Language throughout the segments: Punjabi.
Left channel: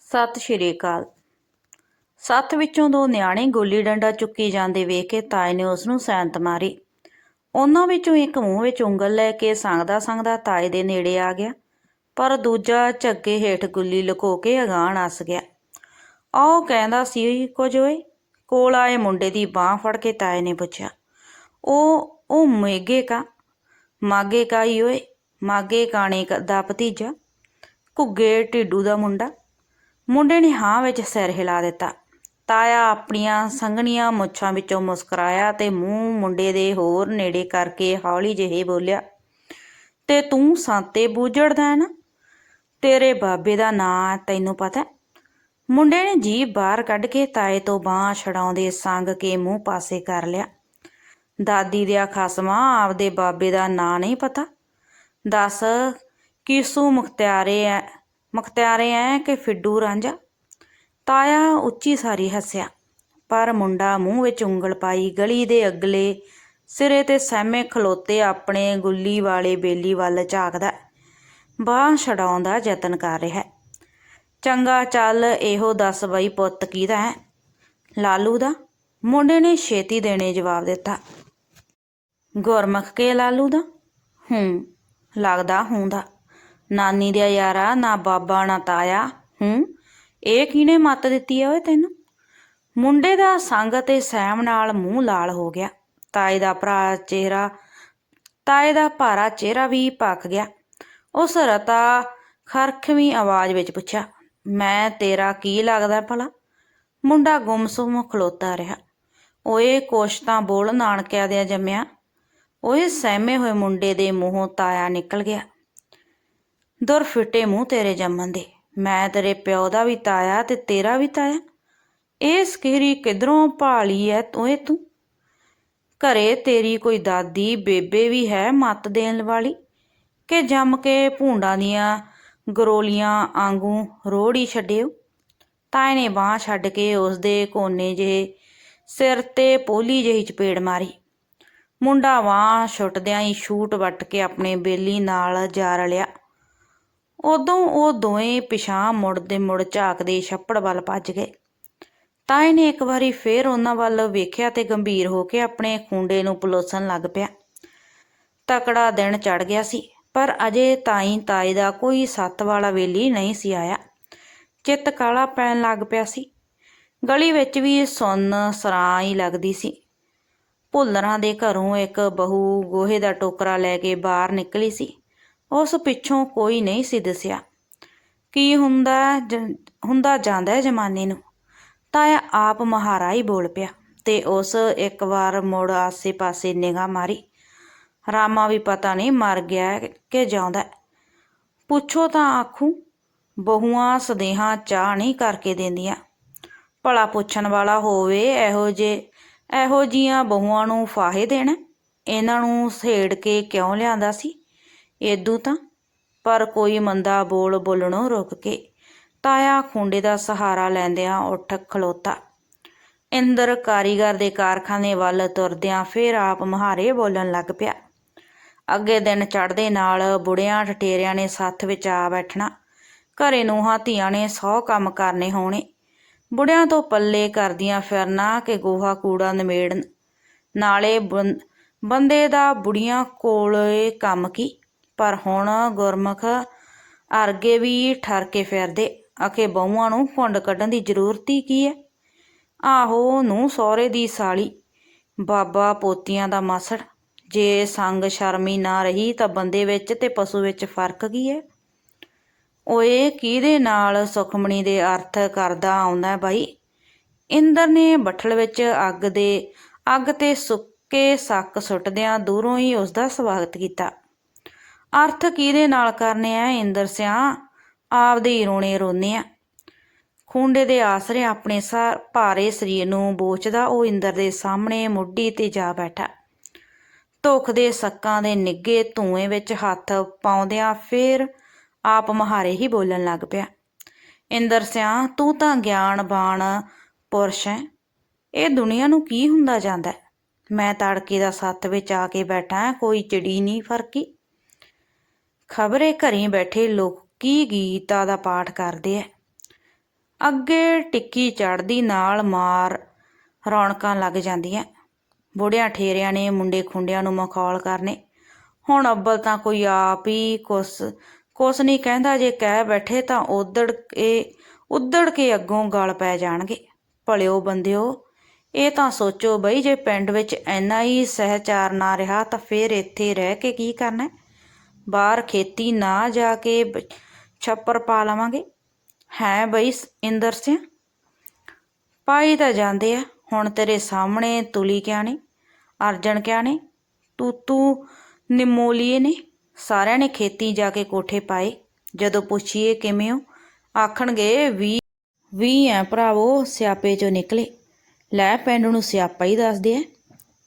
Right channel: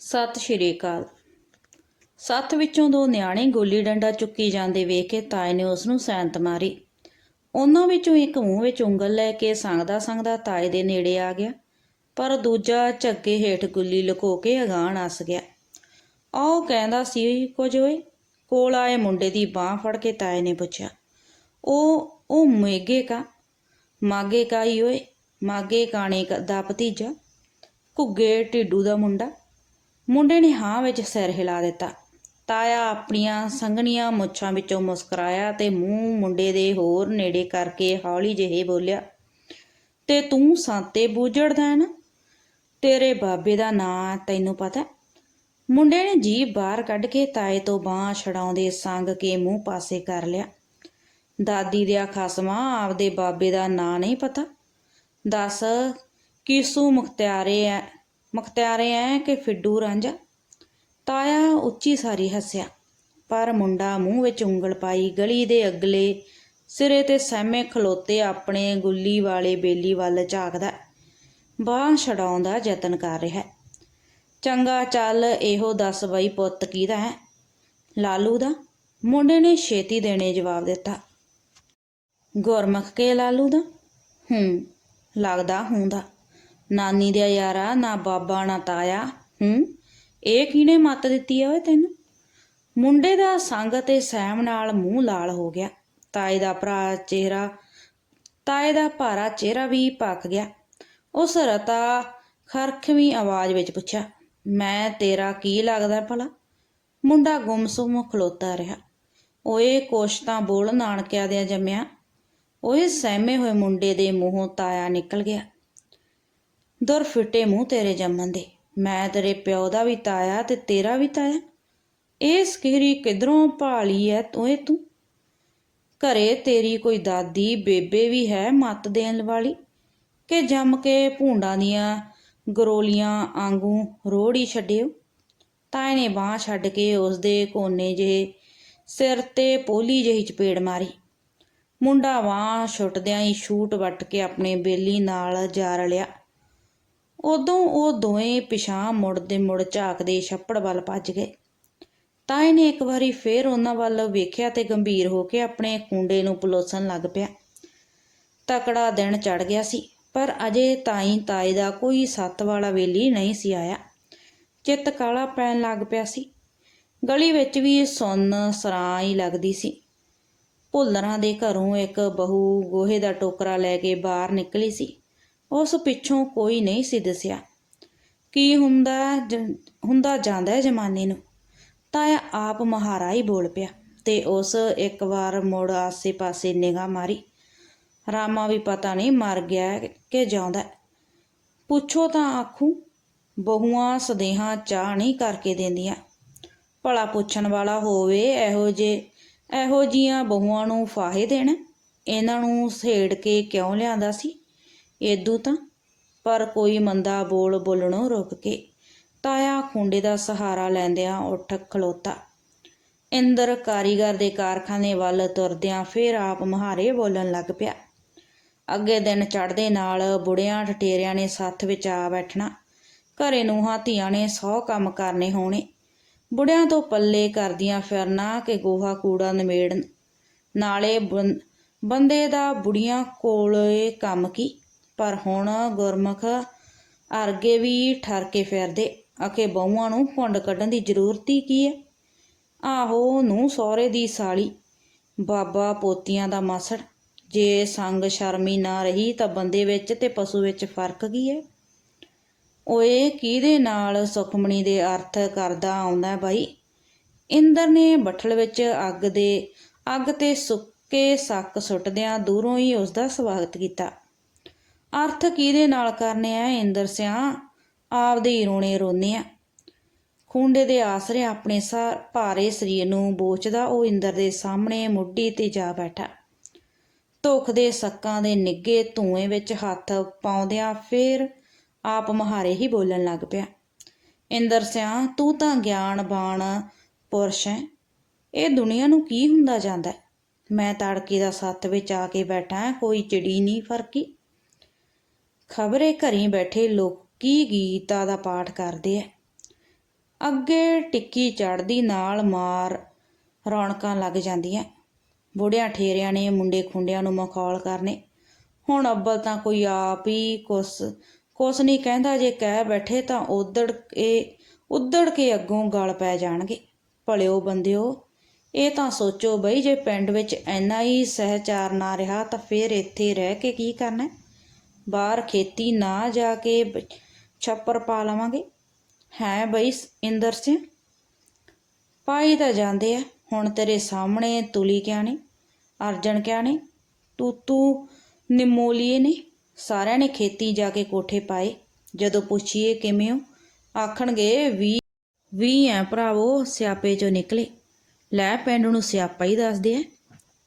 ਸਤਿ ਸ਼੍ਰੀ ਅਕਾਲ। ਸੱਤ ਵਿੱਚੋਂ ਦੋ ਨਿਆਣੇ ਗੋਲੀ ਡੰਡਾ ਚੁੱਕੀ ਜਾਂਦੇ ਵੇਖ ਕੇ ਤਾਏ ਨੇ ਉਸ ਨੂੰ ਸੈਂਤ ਮਾਰੀ। ਉਹਨਾਂ ਵਿੱਚੋਂ ਇੱਕ ਮੂੰਹ ਵਿੱਚ ਉਂਗਲ ਲੈ ਕੇ ਸੰਗਦਾ ਸੰਗਦਾ ਤਾਏ ਦੇ ਨੇੜੇ ਆ ਗਿਆ, ਪਰ ਦੂਜਾ ਝੱਗੇ ਹੇਠ ਗੁੱਲੀ ਲੁਕੋ ਕੇ ਅਗਾਂਹ ਨੱਸ ਗਿਆ। ਆਓ ਕਹਿੰਦਾ ਸੀ, ਕੁਝ ਓਏ? ਕੋਲ ਆਏ ਮੁੰਡੇ ਦੀ ਬਾਹ ਫੜ ਕੇ ਤਾਏ ਨੇ ਪੁੱਛਿਆ, ਉਹ ਉਹ ਮੇਗੇ ਕਾ? ਮਾਗੇ ਕਾ ਹੀ ਓਏ, ਮਾਗੇ ਕਾਣੇ ਦਾ ਭਤੀਜਾ, ਘੁੱਗੇ ਢਿੱਡੂ ਦਾ ਮੁੰਡਾ। ਮੁੰਡੇ ਨੇ ਹਾਂ ਵਿੱਚ ਸਿਰ ਹਿਲਾ ਦਿੱਤਾ। ਤਾਇਆ ਆਪਣੀਆਂ ਸੰਘਣੀਆਂ ਮੁੱਛਾਂ ਵਿੱਚੋਂ ਮੁਸਕਰਾਇਆ ਤੇ ਮੂੰਹ ਮੁੰਡੇ ਦੇ ਹੋਰ ਨੇੜੇ ਕਰਕੇ ਹੌਲੀ ਜਿਹੇ ਬੋਲਿਆ, ਤੇ ਤੂੰ ਸਾਤੇ ਬੂਝੜਦਾ ਹੈ ਨਾ? ਤੇਰੇ ਬਾਬੇ ਦਾ ਨਾਂ ਤੈਨੂੰ ਪਤਾ ਮੁੰਡੇ ਨੇ ਜੀਭ ਬਾਹਰ ਕੱਢ ਕੇ ਤਾਏ ਤੋਂ ਬਾਹ ਛਡਾਉਂਦੇ ਸੰਗ ਕੇ ਮੂੰਹ ਪਾਸੇ ਕਰ ਲਿਆ। ਦਾਦੀ ਦੇ ਖਸਮਾਂ, ਆਪਦੇ ਬਾਬੇ ਦਾ ਨਾਂ ਨਹੀਂ ਪਤਾ? ਦੱਸ, ਕਿਸੂ ਮੁਖਤਿਆਰੇ ਐ? ਮੁਖਤਿਆਰੇ ਐ ਕਿ ਫਿੱਡੂ ਰਾਂਝਾ ਤਾਇਆ ਉੱਚੀ ਸਾਰੀ ਹੱਸਿਆ, ਪਰ ਮੁੰਡਾ ਮੂੰਹ ਵਿੱਚ ਉਂਗਲ ਪਾਈ ਗਲੀ ਦੇ ਅਗਲੇ ਸਿਰੇ ਤੇ ਸਹਿਮੇ ਖਲੋਤੇ ਆਪਣੇ ਗੁੱਲੀ ਵਾਲੇ ਬੇਲੀ ਵੱਲ ਝਾਕਦਾ, ਬਾਹ ਛਡਾਉਣ ਦਾ ਯਤਨ ਕਰ ਰਿਹਾ। ਚੰਗਾ ਚੱਲ ਇਹੋ ਦੱਸ ਬਈ ਪੁੱਤ ਕਿਹਦਾ ਹੈ ਲਾਲੂ ਦਾ? ਮੁੰਡੇ ਨੇ ਛੇਤੀ ਦੇਣੇ ਜਵਾਬ ਦਿੱਤਾ। ਗੁਰਮੁਖ ਕੇ ਲਾਲੂ ਦਾ? ਹੂੰ, ਲੱਗਦਾ ਹੁੰਦਾ। ਨਾਨੀ ਦਾ ਯਾਰਾ, ਨਾ ਬਾਬਾ, ਨਾ ਤਾਇਆ, ਹੂੰ? ਇਹ ਕਿਹਨੇ ਮੱਤ ਦਿੱਤੀ ਓਏ ਤੈਨੂੰ? ਮੁੰਡੇ ਦਾ ਸੰਗ ਤੇ ਸਹਿਮ ਨਾਲ ਮੂੰਹ ਲਾਲ ਹੋ ਗਿਆ। ਤਾਏ ਦਾ ਭਰਾ ਚਿਹਰਾ, ਤਾਏ ਦਾ ਭਾਰਾ ਚਿਹਰਾ ਵੀ ਪੱਕ ਗਿਆ। ਉਸ ਰਤਾ ਖਰਖਵੀਂ ਆਵਾਜ਼ ਵਿੱਚ ਪੁੱਛਿਆ, ਮੈਂ ਤੇਰਾ ਕੀ ਲੱਗਦਾ ਭਲਾ? ਮੁੰਡਾ ਗੁੰਮਸੁੰਮ ਖਲੋਤਾ ਰਿਹਾ। ਓਏ, ਕੁਛ ਤਾਂ ਬੋਲ ਨਾਨਕਿਆਂ ਦੇ ਜੰਮਿਆ। ਓਏ, ਸਹਿਮੇ ਹੋਏ ਮੁੰਡੇ ਦੇ ਮੂੰਹੋਂ ਤਾਇਆ ਨਿਕਲ ਗਿਆ। ਦੁਰ ਫਿੱਟੇ ਮੂੰਹ ਤੇਰੇ ਜੰਮਣ ਦੇ। ਮੈਂ ਤੇਰੇ ਪਿਓ ਦਾ ਵੀ ਤਾਇਆ ਤੇ ਤੇਰਾ ਵੀ ਤਾਇਆ। ਇਹ ਸਕੀਰੀ ਕਿਧਰੋਂ ਭਾਲੀ ਐ ਤੂੰ ਇਹ ਤੂੰ? ਘਰੇ ਤੇਰੀ ਕੋਈ ਦਾਦੀ, ਬੇਬੇ ਵੀ ਹੈ ਮੱਤ ਦੇਣ ਵਾਲੀ? ਕਿ ਜੰਮ ਕੇ ਭੂੰਡਾਂ ਦੀਆਂ ਗਰੋਲੀਆਂ ਆਂਗੂ ਰੋੜੀ ਛੱਡਿਓ? ਤਾਏ ਨੇ ਬਾਹ ਛੱਡ ਕੇ ਉਸ ਦੇ ਕੋਨੇ ਜਿਹੇ ਸਿਰ ਤੇ ਪੋਲੀ ਜਿਹੀ ਚਪੇੜ ਮਾਰੀ। ਮੁੰਡਾ ਵਾਂ ਛੁੱਟਦਿਆਂ ਹੀ ਛੂਟ ਵੱਟ ਕੇ ਆਪਣੇ ਬੇਲੀ ਨਾਲ ਜਾ ਰਲਿਆ। ਉਦੋਂ ਉਹ ਦੋਵੇਂ ਪਿਛਾਂ ਮੁੜਦੇ ਮੁੜ ਝਾਕਦੇ ਛੱਪੜ ਵੱਲ ਭੱਜ ਗਏ। ਤਾਏ ਨੇ ਇੱਕ ਵਾਰੀ ਫੇਰ ਉਹਨਾਂ ਵੱਲ ਵੇਖਿਆ ਤੇ ਗੰਭੀਰ ਹੋ ਕੇ ਆਪਣੇ ਖੁੰਡੇ ਨੂੰ ਪਲੋਸਣ ਲੱਗ ਪਿਆ। ਤਕੜਾ ਦਿਨ ਚੜ ਗਿਆ ਸੀ, ਪਰ ਅਜੇ ਤਾਈ ਤਾਏ ਦਾ ਕੋਈ ਸੱਤ ਵਾਲਾ ਵੇਲੀ ਨਹੀਂ ਸੀ ਆਇਆ। ਚਿੱਤ ਕਾਲਾ ਪੈਣ ਲੱਗ ਪਿਆ ਸੀ। ਗਲੀ ਵਿੱਚ ਵੀ ਸੁੰਨ ਸਰਾਂ ਹੀ ਲੱਗਦੀ ਸੀ। ਭੁੱਲਰਾਂ ਦੇ ਘਰੋਂ ਇੱਕ ਬਹੂ ਗੋਹੇ ਦਾ ਟੋਕਰਾ ਲੈ ਕੇ ਬਾਹਰ ਨਿਕਲੀ ਸੀ। ਉਸ ਪਿੱਛੋਂ ਕੋਈ ਨਹੀਂ ਸੀ ਦਿਸਿਆ। ਕੀ ਹੁੰਦਾ ਹੁੰਦਾ ਜਾਂਦਾ ਜ਼ਮਾਨੇ ਨੂੰ? ਤਾਇਆ ਆਪ ਮਹਾਰਾ ਹੀ ਬੋਲ ਪਿਆ ਤੇ ਉਸ ਇੱਕ ਵਾਰ ਮੁੜ ਆਸੇ-ਪਾਸੇ ਨਿਗਾਹ ਮਾਰੀ। ਰਾਮਾ ਵੀ ਪਤਾ ਨਹੀਂ ਮਰ ਗਿਆ ਹੈ ਕਿ ਜਿਉਂਦਾ ਪੁੱਛੋ ਤਾਂ ਆਖੂ, ਬਹੂਆਂ ਸਦੇਹਾਂ ਚਾਹ ਨਹੀਂ ਕਰਕੇ ਦਿੰਦੀਆਂ। ਭਲਾ ਪੁੱਛਣ ਵਾਲਾ ਹੋਵੇ ਇਹੋ ਜੇ, ਇਹੋ ਜੀਆਂ ਬਹੂਆਂ ਨੂੰ ਫਾਹੇ ਦੇਣਾ? ਇਹਨਾਂ ਨੂੰ ਸੇੜ ਕੇ ਕਿਉਂ ਲਿਆਂਦਾ ਸੀ? ਏਦੂ ਤਾਂ, ਪਰ ਕੋਈ ਮੰਦਾ ਬੋਲ ਬੋਲਣੋਂ ਰੁਕ ਕੇ ਤਾਇਆ ਖੁੰਡੇ ਦਾ ਸਹਾਰਾ ਲੈਂਦਿਆਂ ਉੱਠ ਖਲੋਤਾ। ਇੰਦਰ ਕਾਰੀਗਰ ਦੇ ਕਾਰਖਾਨੇ ਵੱਲ ਤੁਰਦਿਆਂ ਫੇਰ ਆਪ ਮਹਾਰੇ ਬੋਲਣ ਲੱਗ ਪਿਆ। ਅੱਗੇ ਦਿਨ ਚੜ੍ਹਦੇ ਨਾਲ ਬੁੜਿਆਂ ਠਟੇਰਿਆਂ ਨੇ ਸੱਥ ਵਿੱਚ ਆ ਬੈਠਣਾ। ਘਰੇ ਨੂੰਹਾਂ ਧੀਆਂ ਨੇ ਸੌ ਕੰਮ ਕਰਨੇ ਹੋਣੇ। ਬੁੜਿਆਂ ਤੋਂ ਪੱਲੇ ਕਰਦੀਆਂ ਫਿਰਨਾ ਕਿ ਗੋਹਾ ਕੂੜਾ ਨਿਮੇੜਨ। ਨਾਲੇ ਬੰ- ਬੰਦੇ ਦਾ ਬੁੜੀਆਂ ਕੋਲੇ ਕੰਮ ਕੀ? ਪਰ ਹੁਣ ਗੁਰਮੁਖ ਅਰਗੇ ਵੀ ਠਰ ਕੇ ਫਿਰਦੇ। ਆਖੇ, ਬਹੂਆਂ ਨੂੰ ਘੁੰਡ ਕੱਢਣ ਦੀ ਜ਼ਰੂਰਤ ਹੀ ਕੀ ਹੈ? ਆਹੋ, ਨੂੰ ਸਹੁਰੇ ਦੀ ਸਾਲੀ। ਬਾਬਾ ਪੋਤੀਆਂ ਦਾ ਮਾਸੜ। ਜੇ ਸੰਗ ਸ਼ਰਮੀ ਨਾ ਰਹੀ ਤਾਂ ਬੰਦੇ ਵਿੱਚ ਤੇ ਪਸ਼ੂ ਵਿੱਚ ਫ਼ਰਕ ਕੀ ਹੈ? ਓਏ, ਕਿਹਦੇ ਨਾਲ ਸੁਖਮਣੀ ਦੇ ਅਰਥ ਕਰਦਾ ਆਉਂਦਾ ਬਾਈ? ਇੰਦਰ ਨੇ ਬੱਠਲ ਵਿੱਚ ਅੱਗ ਦੇ, ਅੱਗ ਤੇ ਸੁੱਕੇ ਸੱਕ ਸੁੱਟਦਿਆਂ ਦੂਰੋਂ ਹੀ ਉਸ ਦਾ ਸਵਾਗਤ ਕੀਤਾ। ਅਰਥ ਕਿਹਦੇ ਨਾਲ ਕਰਨੇ ਆ, ਇੰਦਰ ਸਿਆ? ਆਪਦੇ ਹੀ ਰੋਣੇ ਰੋਨੇ ਆ। ਖੁੰਡੇ ਦੇ ਆਸਰੇ ਆਪਣੇ ਸਾ ਭਾਰੇ ਸਰੀਰ ਨੂੰ ਬੋਚਦਾ, ਉਹ ਇੰਦਰ ਦੇ ਸਾਹਮਣੇ ਮੁੱਢੀ ਤੇ ਜਾ ਬੈਠਾ। ਧੁੱਖ ਦੇ ਸੱਕਾਂ ਦੇ ਨਿੱਗੇ ਧੂਏ ਵਿੱਚ ਹੱਥ ਪਾਉਂਦਿਆਂ ਫੇਰ ਆਪ ਮਹਾਰੇ ਹੀ ਬੋਲਣ ਲੱਗ ਪਿਆ। ਇੰਦਰ ਸਿਆ, ਤੂੰ ਤਾਂ ਗਿਆਨਬਾਨ ਪੁਰਸ਼ ਹੈ। ਇਹ ਦੁਨੀਆ ਨੂੰ ਕੀ ਹੁੰਦਾ ਜਾਂਦਾ ਮੈਂ ਤੜਕੇ ਦਾ ਸੱਤ ਵਿੱਚ ਆ ਕੇ ਬੈਠਾ, ਕੋਈ ਚਿੜੀ ਨਹੀਂ ਫਰਕੀ। ਖਬਰੇ ਘਰੇ ਬੈਠੇ ਲੋਕ ਕੀ ਗੀਤਾ ਦਾ ਪਾਠ ਕਰਦੇ ਐ। ਅੱਗੇ ਟਿੱਕੀ ਚੜਦੀ ਨਾਲ ਮਾਰ ਰੌਣਕਾਂ ਲੱਗ ਜਾਂਦੀਆਂ। ਬੁੜਿਆਂ ਠੇਰਿਆਂ ਨੇ ਮੁੰਡੇ ਖੁੰਡਿਆਂ ਨੂੰ ਮਖੌਲ ਕਰਨੇ। ਹੁਣ ਅੱਬਲ ਤਾਂ ਕੋਈ ਆਪ ਹੀ ਕੁਸ ਕੁਸ ਨਹੀਂ ਕਹਿੰਦਾ, ਜੇ ਕਹਿ ਬੈਠੇ ਤਾਂ ਉਦੜ ਕੇ ਉਦੜ ਕੇ ਅੱਗੋਂ ਗਲ ਪੈ ਜਾਣਗੇ। ਭਲਿਓ ਬੰਦਿਓ, ਇਹ ਤਾਂ ਸੋਚੋ ਬਈ ਜੇ ਪਿੰਡ ਵਿੱਚ ਇੰਨਾ ਹੀ ਸਹਿਚਾਰ ਨਾ ਰਿਹਾ ਤਾਂ ਫੇਰ ਇੱਥੇ ਰਹਿ ਕੇ ਕੀ ਕਰਨਾ ਬਾਹਰ ਖੇਤੀ ਨਾ ਜਾ ਕੇ ਛੱਪਰ ਪਾ ਲਵਾਂਗੇ। ਹੈ ਬਈ ਸ- ਇੰਦਰ ਸਿੰਘ? ਪਾਈ ਤਾਂ ਜਾਂਦੇ ਆ। ਹੁਣ ਤੇਰੇ ਸਾਹਮਣੇ ਤੁਲੀ ਕਿਆ ਨੇ ਅਰਜਨ ਕਿਆ ਨੇ ਤੂੰ ਤੂੰ ਨਿਮੋਲੀਏ ਨੇ। ਸਾਰਿਆਂ ਨੇ ਖੇਤੀ ਜਾ ਕੇ ਕੋਠੇ ਪਾਏ। ਜਦੋਂ ਪੁੱਛੀਏ ਕਿਵੇਂ ਹੋ, ਆਖਣਗੇ ਵੀ ਵੀ ਐ ਭਰਾਵੋ, ਸਿਆਪੇ ਚੋਂ ਨਿਕਲੇ। ਲੈ ਪਿੰਡ ਨੂੰ ਸਿਆਪਾ ਹੀ ਦੱਸਦੇ ਐ।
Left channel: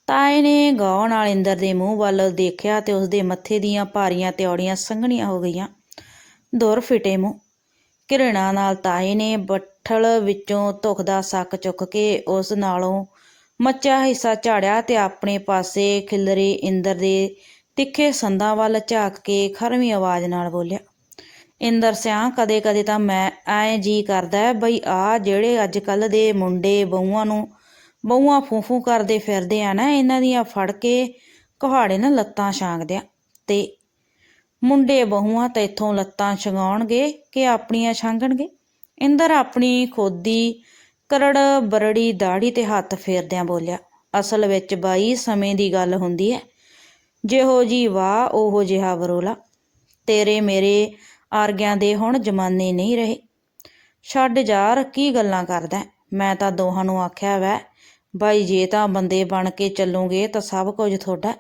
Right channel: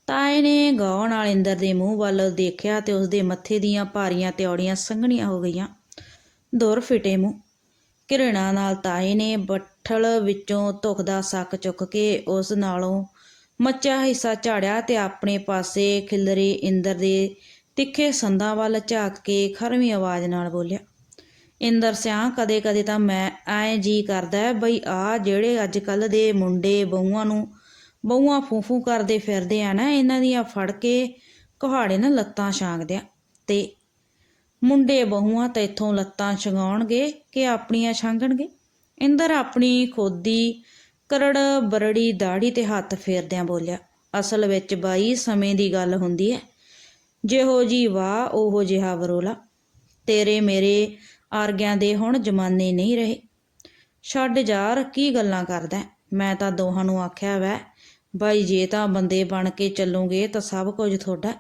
ਤਾਏ ਨੇ ਗਾਉ ਨਾਲ ਇੰਦਰ ਦੇ ਮੂੰਹ ਵੱਲ ਦੇਖਿਆ ਤੇ ਉਸਦੇ ਮੱਥੇ ਦੀਆਂ ਭਾਰੀਆਂ ਤਿਉੜੀਆਂ ਸੰਘਣੀਆਂ ਹੋ ਗਈਆਂ। ਦੁਰ ਫਿਟੇ ਮੂੰਹ। ਘਿਰਣਾ ਨਾਲ ਤਾਏ ਨੇ ਬੱਠਲ ਵਿੱਚੋਂ ਧੁੱਖ ਦਾ ਸੱਕ ਚੁੱਕ ਕੇ ਉਸ ਨਾਲੋਂ ਮੱਚਾ ਹਿੱਸਾ ਝਾੜਿਆ ਤੇ ਆਪਣੇ ਪਾਸੇ ਖਿਲਰੇ ਇੰਦਰ ਦੇ ਤਿੱਖੇ ਸੰਦਾਂ ਵੱਲ ਝਾਕ ਕੇ ਖਰਵੀਂ ਆਵਾਜ਼ ਨਾਲ ਬੋਲਿਆ, ਇੰਦਰ ਸਿਆਂ ਕਦੇ ਕਦੇ ਤਾਂ ਮੈਂ ਐ ਜੀ ਕਰਦਾ ਬਈ ਆ ਜਿਹੜੇ ਅੱਜ ਕੱਲ ਦੇ ਮੁੰਡੇ ਬਹੂਆਂ ਨੂੰ ਬਹੂਆਂ ਫੂਫੂ ਕਰਦੇ ਫਿਰਦੇ ਆ ਨਾ, ਇਹਨਾਂ ਦੀਆਂ ਫੜ ਕੇ ਕੁਹਾੜੇ ਨਾਲ ਲੱਤਾਂ ਛਾਂਗਦਿਆਂ ਤੇ ਮੁੰਡੇ ਬਹੂਆਂ ਤਾਂ ਇੱਥੋਂ ਲੱਤਾਂ ਛਗਾਉਣਗੇ ਕਿ ਆਪਣੀਆਂ ਛਾਂਗਣਗੇ? ਇੰਦਰ ਆਪਣੀ ਖੋਦੀ ਕਰੜ ਬਰੜੀ ਦਾੜੀ ਤੇ ਹੱਥ ਫੇਰਦਿਆਂ ਬੋਲਿਆ, ਅਸਲ ਵਿੱਚ ਬਾਈ, ਸਮੇਂ ਦੀ ਗੱਲ ਹੁੰਦੀ ਹੈ ਜਿਹੋ ਜੀ ਵਾਹ, ਉਹੋ ਜਿਹਾ ਵਰੋਲਾ। ਤੇਰੇ ਮੇਰੇ ਆਰਗਿਆਂ ਦੇ ਹੁਣ ਜਮਾਨੇ ਨਹੀਂ ਰਹੇ। ਛੱਡ ਯਾਰ ਕੀ ਗੱਲਾਂ ਕਰਦਾ। ਮੈਂ ਤਾਂ ਦੋਹਾਂ ਨੂੰ ਆਖਿਆ ਵੈ ਬਾਈ ਜੇ ਤਾਂ ਬੰਦੇ ਬਣ ਕੇ ਚੱਲੋਗੇ ਤਾਂ ਸਭ ਕੁਝ ਤੁਹਾਡਾ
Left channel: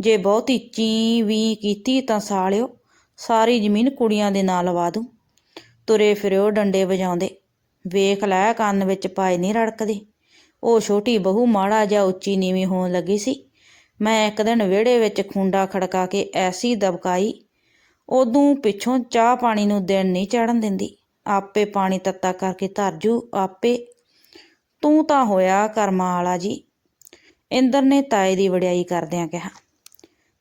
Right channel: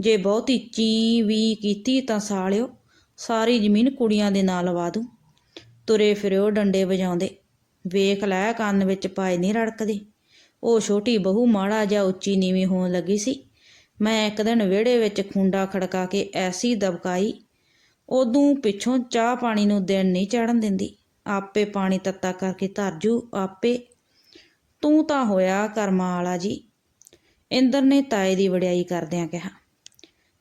ਜੇ ਬਹੁਤੀ ਚੀ ਵੀ ਕੀਤੀ ਤਾਂ ਸਾਲਿਓ, ਸਾਰੀ ਜ਼ਮੀਨ ਕੁੜੀਆਂ ਦੇ ਨਾਲ ਲਵਾ ਦੂੰ। ਤੁਰੇ ਫਿਰਿਓ ਡੰਡੇ ਵਜਾਉਂਦੇ। ਵੇਖ ਲੈ ਕੰਨ ਵਿੱਚ ਪਾਏ ਨਹੀਂ ਰੜਕਦੇ। ਉਹ ਛੋਟੀ ਬਹੂ ਮਾੜਾ ਜਾਂ ਉੱਚੀ ਨੀਵੀਂ ਹੋਣ ਲੱਗੀ ਸੀ। ਮੈਂ ਇੱਕ ਦਿਨ ਵਿਹੜੇ ਵਿੱਚ ਖੁੰਡਾ ਖੜਕਾ ਕੇ ਐਸੀ ਦਬਕਾਈ, ਉਦੋਂ ਪਿੱਛੋਂ ਚਾਹ ਪਾਣੀ ਨੂੰ ਦਿਨ ਨਹੀਂ ਚੜਨ ਦਿੰਦੀ। ਆਪੇ ਪਾਣੀ ਤੱਤਾ ਕਰਕੇ ਧਰਜੂ ਆਪੇ ਤੂੰ ਤਾਂ ਹੋਇਆ ਕਰਮਾਂ ਵਾਲਾ ਜੀ। ਇੰਦਰ ਨੇ ਤਾਏ ਦੀ ਵਡਿਆਈ ਕਰਦਿਆਂ ਕਿਹਾ,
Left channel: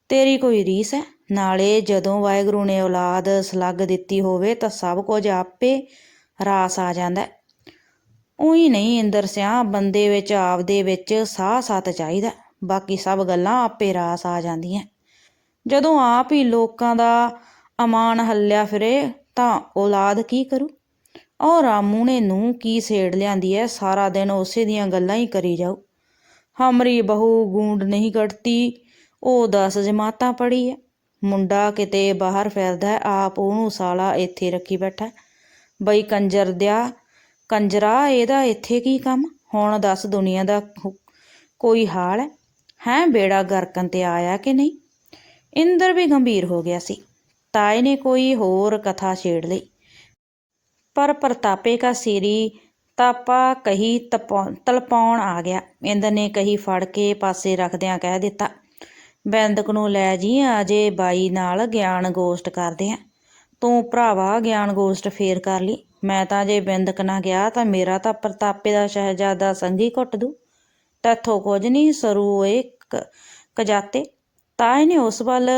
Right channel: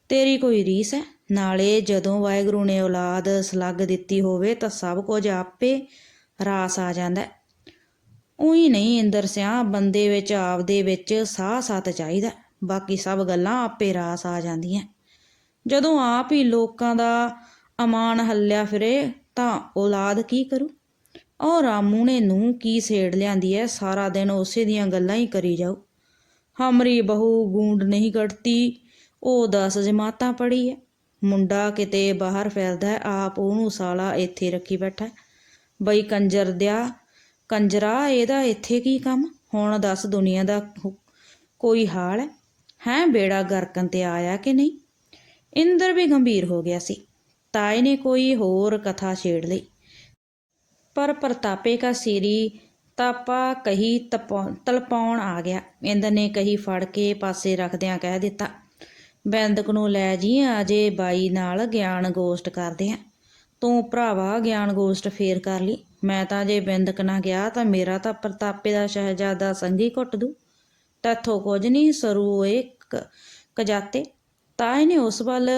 ਤੇਰੀ ਕੋਈ ਰੀਸ ਹੈ? ਨਾਲੇ ਜਦੋਂ ਵਾਹਿਗੁਰੂ ਨੇ ਔਲਾਦ ਸਲੱਗ ਦਿੱਤੀ ਹੋਵੇ ਤਾਂ ਸਭ ਕੁਝ ਆਪੇ ਰਾਸ ਆ ਜਾਂਦਾ ਹੈ। ਉਹੀ ਨਹੀਂ ਇੰਦਰ ਸਿਆ ਬੰਦੇ ਵਿੱਚ, ਆਪਦੇ ਵਿੱਚ ਸਾਹ ਸਤ ਚਾਹੀਦਾ ਬਾਕੀ ਸਭ ਗੱਲਾਂ ਆਪੇ ਰਾਸ ਆ ਜਾਂਦੀਆਂ ਜਦੋਂ ਆਪ ਹੀ ਲੋਕਾਂ ਦਾ ਅਮਾਨ ਹੱਲਿਆ ਫਿਰੇ ਤਾਂ ਔਲਾਦ ਕੀ ਕਰੂ? ਉਹ ਰਾਮੂ ਨੇ ਨੂੰ ਕੀ ਸੇੜ ਲਿਆਂਦੀ ਐ? ਸਾਰਾ ਦਿਨ ਉਸੇ ਦੀਆਂ ਗੱਲਾਂ ਹੀ ਕਰੀ ਜਾਓ। ਹਮਰੀ ਬਹੂ ਗੂੰਡ ਨਹੀਂ ਕੱਢਤੀ, ਉਹ 10 ਜਮਾਤਾਂ ਪੜੀ ਐ। ਮੁੰਡਾ ਕਿਤੇ ਬਾਹਰ ਫਿਰਦਾ ਆਪ ਉਹਨੂੰ ਸਾਲਾ ਇੱਥੇ ਰੱਖੀ ਬੈਠਾ ਬਈ ਕੰਜਰ ਦਿਆ, ਕੰਜਰਾ, ਇਹਦਾ ਇੱਥੇ ਕੀ ਕੰਮ? ਹੁਣ ਦੱਸ ਦੁਨੀਆ ਦਾ ਕੋਈ ਹਾਲ ਹੈ ਹੈ, ਬੇੜਾ ਗਰਕਨ ਤੇ ਆਇਆ ਕਿ ਨਹੀਂ? ਇੰਦਰ ਵੀ ਗੰਭੀਰ ਹੋ ਗਿਆ ਸੀ। ਤਾਏ ਨੇ ਕੋਈ ਹੋਰ ਕਥਾ ਛੇੜ ਲਈ। ਪਰ ਪ੍ਰਤਾਪੇ ਕਾ ਸੀਰੀ ਤਾਪਾ ਕਹੀ ਤਪਾ- ਤਲਪਾਉਣ ਆ ਗਿਆ। ਇੰਦਰ ਨੇ ਕਹੀ, ਫੜ ਕੇ ਪਾਸੇ ਰੱਖਦਿਆਂ ਕਹਿ ਦਿੱਤਾ, ਬੈਂਦਕ ਨੂੰ ਲੈ ਜੀ ਅਜੇ ਬਾਈ ਨਾਲ ਗਿਆਨ ਗੋਸ਼ਟ ਕਰਦੇ ਆ। ਤੂੰ ਭਰਾਵਾ, ਗਿਆਨ ਗੋਸ਼ਟ ਫੇਰ ਕਰ ਲਈ ਮੈਂ ਤਾਂ ਜੇ ਬਿੰਦਕ ਨਾ ਗਿਆ, ਤਾਂ ਮੇਰਾ ਤਾਂ ਪ੍ਰਤਾਪੇ ਦਾ ਸ਼ਹਿਜ਼ਾਦਾ ਸੰਗੀ ਘੁੱਟ ਦੂ। ਤੈਥੋਂ ਕੁਝ ਨਹੀਂ ਸਰੂ ਓਏ ਕਜਾਤੇ। ਤਾਏ ਨੇ ਉਸ ਵੱਲ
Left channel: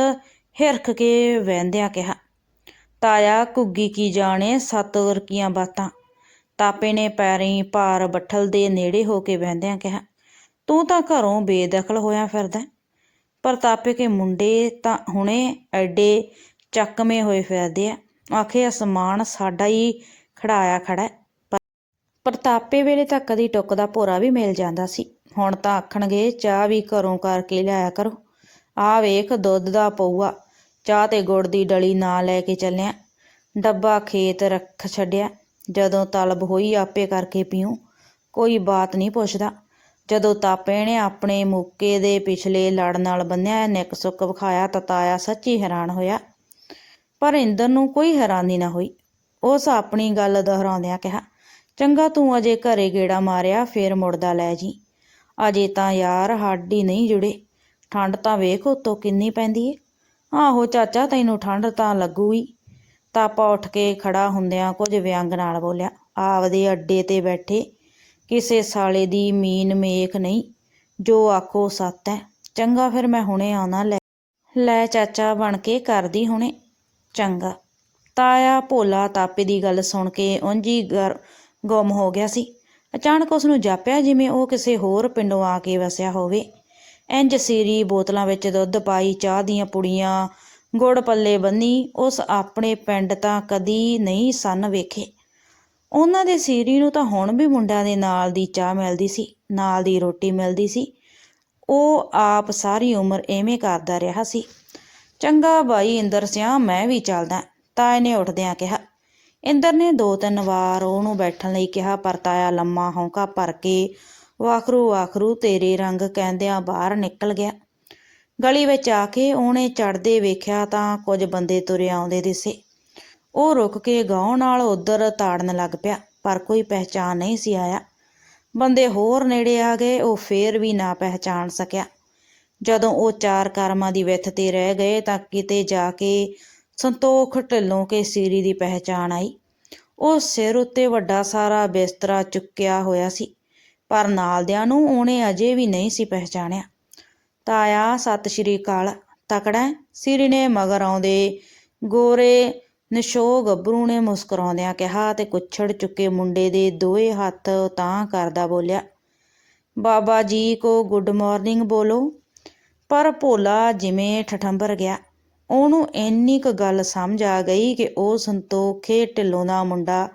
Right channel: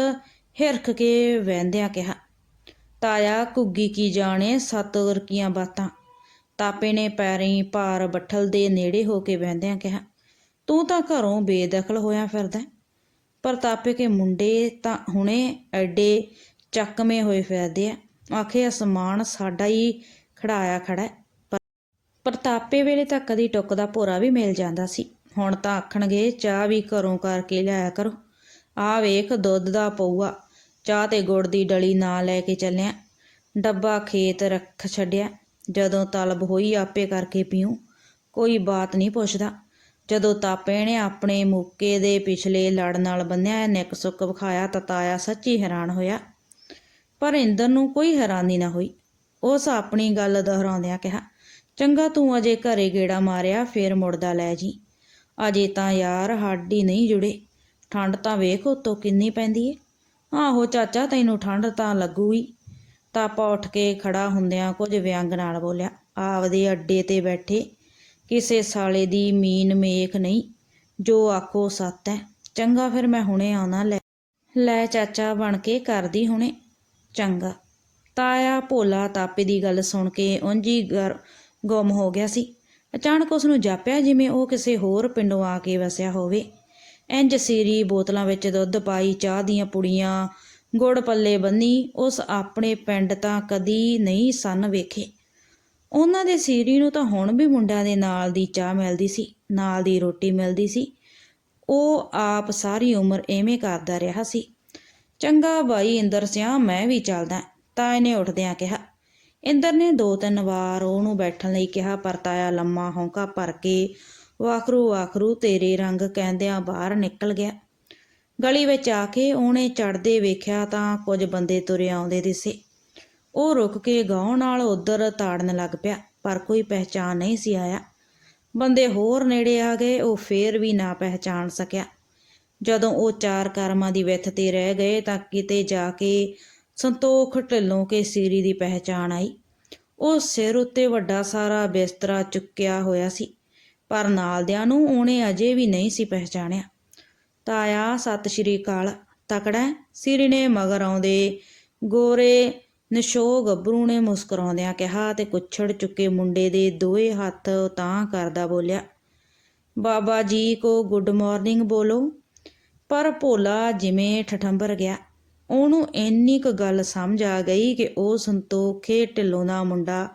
ਹਿਰਖ ਕੇ ਵਹਿੰਦਿਆਂ ਕਿਹਾ ਤਾਇਆ, ਘੁੱਗੀ ਕੀ ਜਾਣੇ, ਸੱਤ ਵਰਕੀਆਂ ਬਾਤਾਂ। ਤਾਪੇ ਨੇ ਪੈਰੀਂ ਭਾਰ ਬੱਠਲ ਦੇ ਨੇੜੇ ਹੋ ਕੇ ਬਹਿੰਦਿਆਂ ਕਿਹਾ, ਤੂੰ ਤਾਂ ਘਰੋਂ ਬੇਦਖਲ ਹੋਇਆ ਫਿਰਦਾ ਹੈ। ਪ੍ਰਤਾਪੇ ਕੇ ਮੁੰਡੇ ਤਾਂ ਹੁਣੇ ਐਡੇ ਚੱਕਵੇਂ ਹੋਏ ਫਿਰਦੇ ਆ। ਆਖੇ, ਅਸਮਾਨ ਸਾਡਾ ਹੀ ਖੜਾਇਆ ਖੜਾ ਪਰ- ਪ੍ਰਤਾਪੇ ਵੇਲੇ ਤਾਂ ਕਦੀ ਟੁੱਕ ਦਾ ਭੋਰਾ ਵੀ ਮਿਲ ਜਾਂਦਾ ਸੀ। ਹੁਣ ਤਾਂ ਆਖਣਗੇ, ਚਾਹ ਵੀ ਘਰੋਂ ਕਰਕੇ ਲਿਆਇਆ ਕਰੋ। ਆ ਵੇਖ, ਦੁੱਧ ਦਾ ਪਊਆ। ਚਾਹ ਤੇ ਗੁੜ ਦੀ ਡਲੀ ਨਾ ਲੈ ਕੇ ਚੱਲਿਆ। ਡੱਬਾ ਖੇਤ ਰੱਖ ਛੱਡਿਆ। ਜਦੋਂ ਤਲਬ ਹੋਈ ਆਪੇ ਕਰਕੇ ਪੀਉ ਕੋਈ ਬਾਤ ਨਹੀਂ ਪੁੱਛਦਾ। ਜਦੋਂ ਤਾਪੇ ਨੇ ਆਪਣੇ ਮੌਕੇ ਦੇ ਪਿਛਲੇ ਲੜ ਨਾਲ ਬੰਨਿਆ ਨਿੱਕ ਸੁੱਕ ਵਿਖਾਇਆ ਤਤਾਇਆ ਸੱਚੀ ਹੈਰਾਨ ਹੋਇਆ। ਪਰ ਇੰਦਰ ਨੂੰ ਕੋਈ ਹੈਰਾਨੀ ਨਾ ਹੋਈ। ਉਸ ਆਪਣੀ ਗੱਲ ਦੁਹਰਾਉਂਦਿਆਂ ਕਿਹਾ, ਚੰਗਾ ਤੂੰ ਅਜੇ ਘਰੇ ਗੇੜਾ ਮਾਰਿਆ, ਫੇਰ ਮੁੜਦਾ ਲੈ ਜੀ। ਅਜੇ ਤਾਂ ਯਾਰ ਹੱਡੀ ਨਹੀਂ ਜੁੜੇ। ਠੰਡ ਤਾਂ ਵੇਖ ਉਤੋਂ ਕਿੰਨੀ ਪੈਂਦੀ ਏ। ਆਹੋ ਚਾਚਾ, ਤੈਨੂੰ ਠੰਡ ਤਾਂ ਲੱਗੂਗੀ। ਤਾਪਾ ਉੱਠ ਕੇ ਖੜਾ ਹੁੰਦਿਆਂ ਕੁਝ ਵਿਅੰਗ ਨਾਲ ਬੋਲਿਆ, ਆਪਦੇ ਅੱਡੇ ਤੇ ਬੈਠੇ, ਕਿਸੇ ਸਾਲੇ ਦੀ ਮੀਨ ਮੇਖ ਨਹੀਂ, ਜੋ ਆਖੋ ਸੱਤ ਹੈ ਚੰਗਾ ਫਿਰ ਮੈਂ ਹੁਣੇ ਆਉਣਾ, ਲੈ। ਲੈ ਚਾਚਾ ਬਣ ਕੇ ਕਰਦੀ ਹੁਣੇ, ਚੰਗਾ ਤਾਇਆ ਭੋਲਾ ਤਾਪੇ ਦੀ ਗੱਲ ਸੁਣ ਕੇ ਉਂਝ ਗਰ, ਗੁੰਮ ਹੋ ਗਿਆ ਸੀ। ਅਚਾਨਕ ਉਸ ਨੂੰ ਜਾਪਿਆ ਜਿਵੇਂ ਉਹ ਕਿਸੇ ਹੋਰ ਪਿੰਡੋਂ ਆ ਕੇ ਵਸਿਆ ਹੋਵੇ। ਇੰਜ ਸੀਰੀ ਬੋਤਲਾਂ ਵਿੱਚ ਦੁੱਧ ਪਾਈ, ਚਾਹ ਦੀਆਂ ਪੁੜੀਆਂ, ਗੁੜ ਪੱਲੇ ਬੰਨੀ, ਉਸ ਆਪਣੇ ਪਿੰਡ ਤਾਂ ਕਦੀ ਨਹੀਂ ਸਨ ਵੇਖੇ। ਉਹਨਾਂ ਦੇ ਸੀਰੀ ਨੂੰ ਤਾਂ ਹੁਣ ਵੀ ਮੁੰਡਿਆਂ ਦੇ ਨਾਲ ਦੀ ਚਾਹ ਮਿਲਦੀ ਸੀ, ਨਾਲ ਦੀ ਰੋਟੀ ਮਿਲਦੀ ਸੀ। ਉਹ ਆਪ ਸਾਰੀ ਉਮਰ ਐਵੇਂ ਕਰਦਾ ਰਿਹਾ ਸੀ। ਚੰਗਾ ਭਾਈ ਇੰਦਰ ਸਿਆ, ਮੈਂ ਵੀ ਚੱਲਦਾ ਤਾਏ ਨੇ ਉੱਠਦਿਆਂ ਕਿਹਾ। ਇੰਦਰ ਨੇ ਦੋ ਤਿੰਨ ਵਾਰ ਉਹਨੂੰ ਬੈਠਣ ਲਈ ਕਿਹਾ, ਪਰ ਤਾਇਆ ਲੰਮਾ ਹੌਂਕਾ ਭਰ ਕੇ ਵਾਖਰੂ ਵਾਖਰੂ ਤੇਰੇ ਰੰਗ ਕਹਿੰਦਿਆਂ ਬਾਹਰ ਨਿਕਲ ਗਿਆ। ਗਲੀ ਵਿੱਚ ਆ ਕੇ ਉਹਨੇ ਚੜਦੇ ਵੇਖਿਆ ਤਾਂ ਕੁਝ ਬੰਦੇ ਤੁਰੇ ਆਉਂਦੇ ਦਿਸੇ। ਉਹ ਰੁਕ ਕੇ ਗਾਉਂ ਨਾਲ ਉਧਰ ਤਾੜਨ ਲੱਗ ਪਿਆ, ਪਰ ਕੋਈ ਪਹਿਚਾਨ ਨਹੀਂ ਸੀ ਆਇਆ। ਬੰਦੇ ਹੋਰ ਨੇੜੇ ਆ ਗਏ, ਉਹ ਫੇਰ ਵੀ ਨਾ ਪਹਿਚਾਨ ਸਕਿਆ। ਜਦੋਂ ਉਹ ਚਾਰ ਕਰਮਾਂ ਦੀ ਵਿੱਥ ਤੇ ਰਹਿ ਗਏ ਤਾਂ ਕਿਤੇ ਜਾ ਕੇ ਸੰਤੋਖ ਢਿੱਲੋਂ ਕੇ ਸੀਰੀ ਦੀ ਪਹਿਚਾਨ ਆਈ। ਉਹ ਸਿਰ ਉੱਤੇ ਵੱਡਾ ਸਾਰਾ ਬਿਸਤਰਾ ਚੁੱਕਿਆ ਹੋਇਆ ਸੀ। ਪਰ ਨਾਲਦਿਆਂ ਨੂੰ ਉਹਨੇ ਅਜੇ ਵੀ ਨਹੀਂ ਸੀ ਪਹਿਚਾਣਿਆ। ਤਾਇਆ, ਸਤਿ ਸ਼੍ਰੀ ਅਕਾਲ। ਤਕੜਾ ਹੈ? ਨੇ ਮਗਰ ਆਉਂਦੇ ਗੋਰੇ ਨਿਸ਼ੋ ਗੱਭਰੂ ਨੇ ਮੁਸਕਰਾਉਂਦਿਆਂ ਕਿਹਾ ਤੇ ਕੁੱਛੜ ਚੁੱਕੇ ਮੁੰਡੇ ਦੇ ਦੋਏ ਹੱਥ ਤਾਂ ਕਰਦਾ ਬੋਲਿਆ, ਬਾਬਾ ਜੀ ਕੋ ਗੁੱਡ ਮਾਰਨਿੰਗ ਬੋਲੋ। ਪਰ ਭੋਲਾ ਜਿਵੇਂ ਠਠੰਬਰ ਗਿਆ। ਉਹਨੂੰ ਇੰਨੀ ਕੁ ਗੱਲ ਸਮਝ ਆ ਗਈ ਕਿ ਉਹ ਸੰਤੋਖੇ ਢਿੱਲੋਂ ਦਾ ਮੁੰਡਾ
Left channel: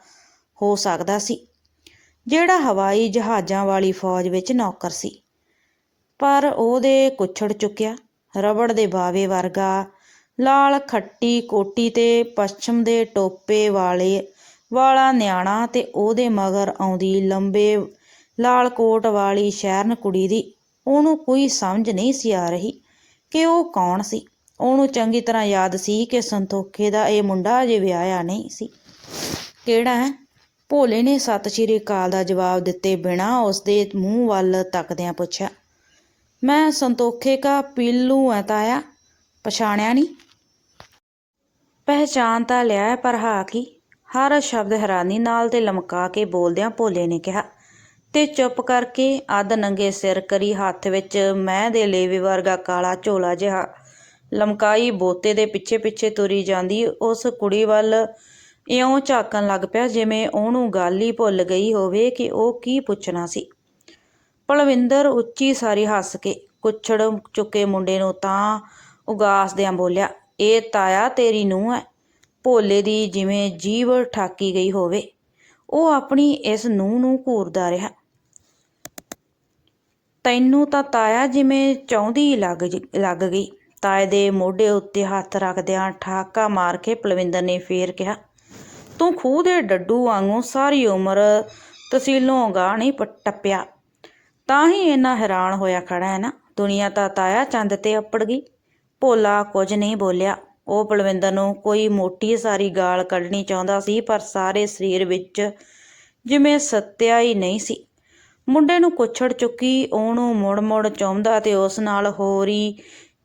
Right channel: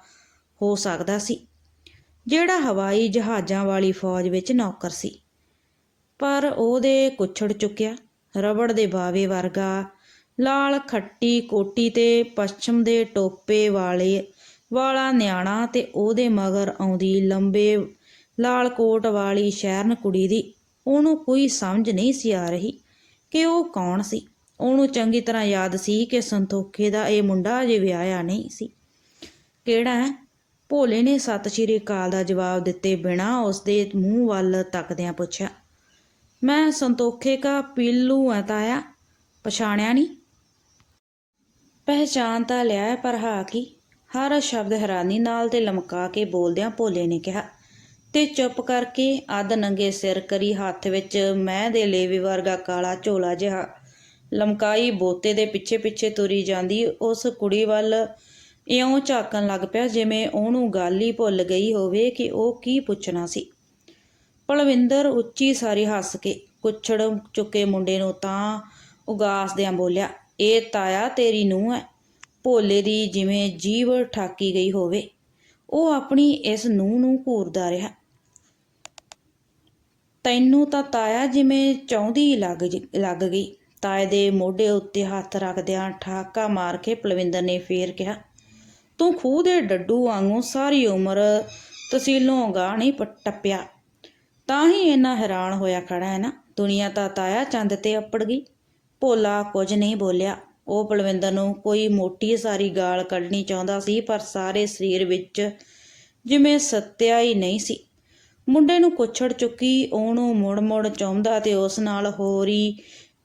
ਹੋ ਸਕਦਾ ਸੀ। ਜਿਹੜਾ ਹਵਾਈ ਜਹਾਜ਼ਾਂ ਵਾਲੀ ਫੌਜ ਵਿੱਚ ਨੌਕਰ ਸੀ। ਪਰ ਉਹਦੇ ਕੁੱਛੜ ਚੁੱਕਿਆ, ਰਬੜ ਦੇ ਬਾਵੇ ਵਰਗਾ, ਲਾਲ ਖੱਟੀ ਕੋਟੀ ਤੇ ਪੱਛਮ ਦੇ ਟੋਪੇ ਵਾਲੇ ਵਾਲਾ ਨਿਆਣਾ ਤੇ ਉਹਦੇ ਮਗਰ ਆਉਂਦੀ ਲੰਬੇ ਲਾਲ ਕੋਟ ਵਾਲੀ ਸ਼ਹਿਰਨ ਕੁੜੀ ਦੀ, ਉਹਨੂੰ ਕੋਈ ਸਮਝ ਨਹੀਂ ਸੀ ਆ ਰਹੀ ਕਿ ਉਹ ਕੌਣ ਸੀ। ਉਹਨੂੰ ਚੰਗੀ ਤਰ੍ਹਾਂ ਯਾਦ ਸੀ ਕਿ ਸੰਤੋਖੇ ਦਾ ਇਹ ਮੁੰਡਾ ਅਜੇ ਵਿਆਹਿਆ ਨਹੀਂ ਸੀ। ਕਿਹੜਾ ਹੈ? ਭੋਲੇ ਨੇ ਸਤਿ ਸ਼੍ਰੀ ਅਕਾਲ ਦਾ ਜਵਾਬ ਦਿੱਤੇ ਬਿਨਾ ਉਸਦੇ ਮੂੰਹ ਵੱਲ ਤੱਕਦਿਆਂ ਪੁੱਛਿਆ, ਮੈਂ ਸੰਤੋਖੇ ਕਾ ਪੀਲੂ ਹੈ ਤਾਇਆ, ਪਛਾਣਿਆ ਨਹੀਂ ਪਹਿਚਾਨ ਤਾਂ ਲਿਆ ਪਰ ਹਾਂ। ਕੀ ਹਰ ਸ਼ਬਦ ਹੈਰਾਨੀ ਨਾਲ ਤੇ ਲਮਕਾ ਕੇ ਬੋਲਦਿਆਂ ਭੋਲੇ ਨੇ ਕਿਹਾ, ਤੇ ਚੁੱਪ ਕਰਕੇ ਅੱਧ ਨੰਗੇ ਸਿਰ ਕਰੀ ਹੱਥ ਵਿੱਚ ਮੈਂ ਦੇ ਲੇਵੇ ਵਰਗਾ ਕਾਲਾ ਝੋਲਾ ਜਿਹਾ। ਲਮਕਾਈ ਬੋਤੇ ਦੇ ਪਿੱਛੇ ਪਿੱਛੇ ਤੁਰੀ ਜਾਂਦੀ ਉਸ ਕੁੜੀ ਵੱਲ ਇਉਂ ਝਾਕਣ ਲੱਗ ਪਿਆ ਜਿਵੇਂ ਉਹਨੂੰ ਗੱਲ ਹੀ ਭੁੱਲ ਗਈ ਹੋਵੇ ਕਿ ਉਹ ਕੀ ਪੁੱਛਣਾ ਸੀ। ਪਲਵਿੰਦਰ ਉੱਚੀ ਸਾਰੀ ਹੱਸ ਕੇ ਕੁੱਛੜ ਚੁੱਕੇ ਮੁੰਡੇ ਨੂੰ ਤਾਂ ਉਗਾਸਦਿਆਂ ਬੋਲਿਆ, ਇਹ ਤਾਇਆ ਤੇਰੀ ਨੂੰ ਹੈ ਭੋਲੇ ਦੀ ਜਿਵੇਂ ਜੀਵ ਠਾਕੀ ਗਈ ਹੋਵੇ। ਉਹ ਆਪਣੀ ਇਸ ਨੂੰਹ ਨੂੰ ਘੂਰਦਾ ਰਿਹਾ। ਤੈਨੂੰ ਤਾਂ ਤਾਇਆ ਜਿਵੇਂ ਚਾਹੁੰਦੀ ਲੱਗ ਲੱਗ ਗਈ। ਤਾਏ ਦੇ ਮੋਢੇ ਉੱਤੇ ਹੱਥ ਰੱਖਦਿਆਂ ਠਾਕਾ ਮਾਰ ਕੇ ਪਲਵਿੰਦਰ ਨੇ ਫੇਰ ਕਿਹਾ ਤੂੰ ਖੂਹ ਦੇ ਡੱਡੂ ਵਾਂਗੂ ਸਾਰੀ ਉਮਰ ਤਸੀਲੋਂ ਗਾਹ ਨਹੀਂ ਟੱਪਿਆ। ਤਾਂ ਹੀ ਇੰਨਾ ਹੈਰਾਨ ਹੋਇਆ ਖੜਾ ਹੈ ਨਾ। ਦੁਨੀਆ ਤਾਂ ਤਾਇਆ ਚੰਦ ਤੇ ਅੱਪੜ ਗਈ। ਭੋਲਾ ਕੁਝ ਨਹੀਂ ਬੋਲਿਆ। ਉਹ ਪਲਵਿੰਦਰ ਨੂੰ ਕੋਈ ਮੋਟੀ ਸਾਰੀ ਗਾਲ ਕੱਢਣੀ ਚਾਹੁੰਦਾ ਸੀ, ਪਰ ਸਾਰੇ ਸਰੀਰ ਵਿੱਚ ਜਿਵੇਂ ਸੱਤਿਆ ਹੀ ਨਹੀਂ ਸੀ। ਮੁੰਡੇ ਨੂੰ ਕੁੱਛੜ ਚੁੱਕੀ ਉਹਨੂੰ ਮੁੜ-ਮੁੜ ਚਾਹੁੰਦਾ ਤੇ ਉਸ ਨਾਲ ਹੋਰੀ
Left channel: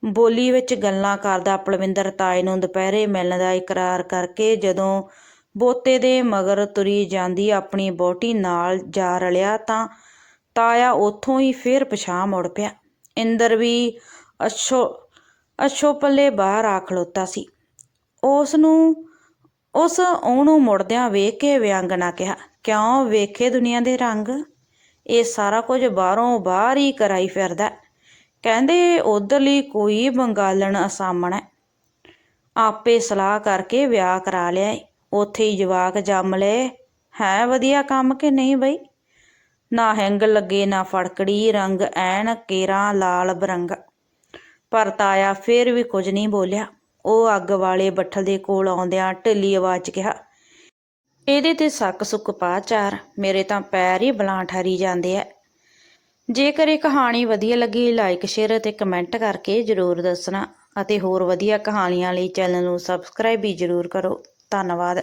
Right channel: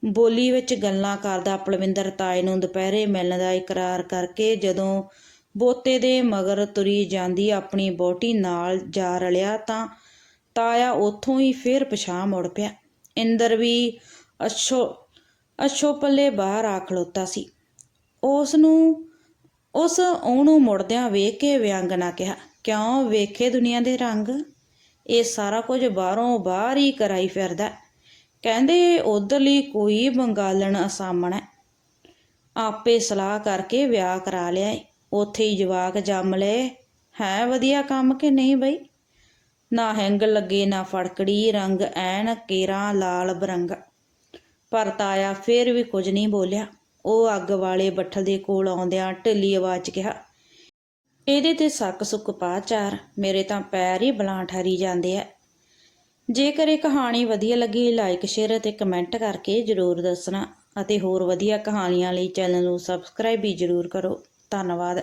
ਬੋਲੀ ਵਿੱਚ ਗੱਲਾਂ ਕਰਦਾ ਪਲਵਿੰਦਰ ਤਾਏ ਨੂੰ ਦੁਪਹਿਰੇ ਮਿਲਣ ਦਾ ਇਕਰਾਰ ਕਰਕੇ ਜਦੋਂ ਬੋਤੇ ਦੇ ਮਗਰ ਤੁਰੀ ਜਾਂਦੀ ਆਪਣੀ ਬੋਟੀ ਨਾਲ ਜਾ ਰਲਿਆ ਤਾਂ ਤਾਇਆ ਉੱਥੋਂ ਹੀ ਫੇਰ ਪਛਾਹ ਮੁੜ ਪਿਆ। ਇੰਦਰ ਵੀ ਅਛੋ ਅਛੋ ਪੱਲੇ ਬਾਹਰ ਆ ਖਲੋਤਾ ਸੀ। ਉਸ ਨੂੰ ਉਸ ਉਹਨੂੰ ਮੁੜਦਿਆਂ ਵੇਖ ਕੇ ਵਿਅੰਗਨਾ ਕਿਹਾ, ਕਿਉਂ ਵੇਖੇ ਦੁਨੀਆ ਦੇ ਰੰਗ? ਇਹ ਸਾਰਾ ਕੁਝ ਬਾਹਰੋਂ ਬਾਹਰ ਹੀ ਕਰਾਈ ਫਿਰਦਾ ਕਹਿੰਦੇ ਉਧਰਲੀ ਕੋਈ ਬੰਗਾਲਣ ਅਸਾਮਣ ਹੈ। ਆਪੇ ਸਲਾਹ ਕਰਕੇ ਵਿਆਹ ਕਰਾ ਲਿਆ ਏ। ਉੱਥੇ ਹੀ ਜਵਾਕ ਜੰਮ ਲਏ। ਹੈ ਵਧੀਆ ਕੰਮ ਕਿ ਨਹੀਂ ਬਈ? ਨਾ ਹੈਂਗ ਲੱਗੇ, ਨਾ ਫੜਕੜੀ, ਰੰਗ ਐਨ ਕੇਰਾ ਲਾਲ ਬਰੰਗਾ। ਪਰ ਤਾਇਆ ਫੇਰ ਵੀ ਕੁਝ ਨਹੀਂ ਬੋਲਿਆ। ਉਹ ਅੱਗ ਵਾਲੇ ਬੱਠਲ ਦੇ ਕੋਲ ਆਉਂਦਿਆਂ ਢਿੱਲੀ ਆਵਾਜ਼ 'ਚ ਕਿਹਾ, ਇਹਦੇ ਤੇ ਸੱਕ ਸੁੱਕ ਪਾ ਚਾਰ, ਮੇਰੇ ਤਾਂ ਪੈਰ ਹੀ ਬਲਾਂ ਠਰੀ ਜਾਂਦੇ ਐ। ਜੇਕਰ ਇਹ ਕਹਾਣੀ ਵਧੀਆ ਲੱਗੀ ਲਾਈਕ ਸ਼ੇਅਰ ਅਤੇ ਕਮੈਂਟ ਕਰਕੇ ਜਰੂਰ ਦੱਸਣਾ ਅਤੇ ਹੋਰ ਵਧੀਆ ਕਹਾਣੀਆਂ ਲਈ ਚੈਨਲ ਨੂੰ ਸਬਸਕ੍ਰਾਈਬ ਵੀ ਜਰੂਰ ਕਰੋ। ਧੰਨਵਾਦ।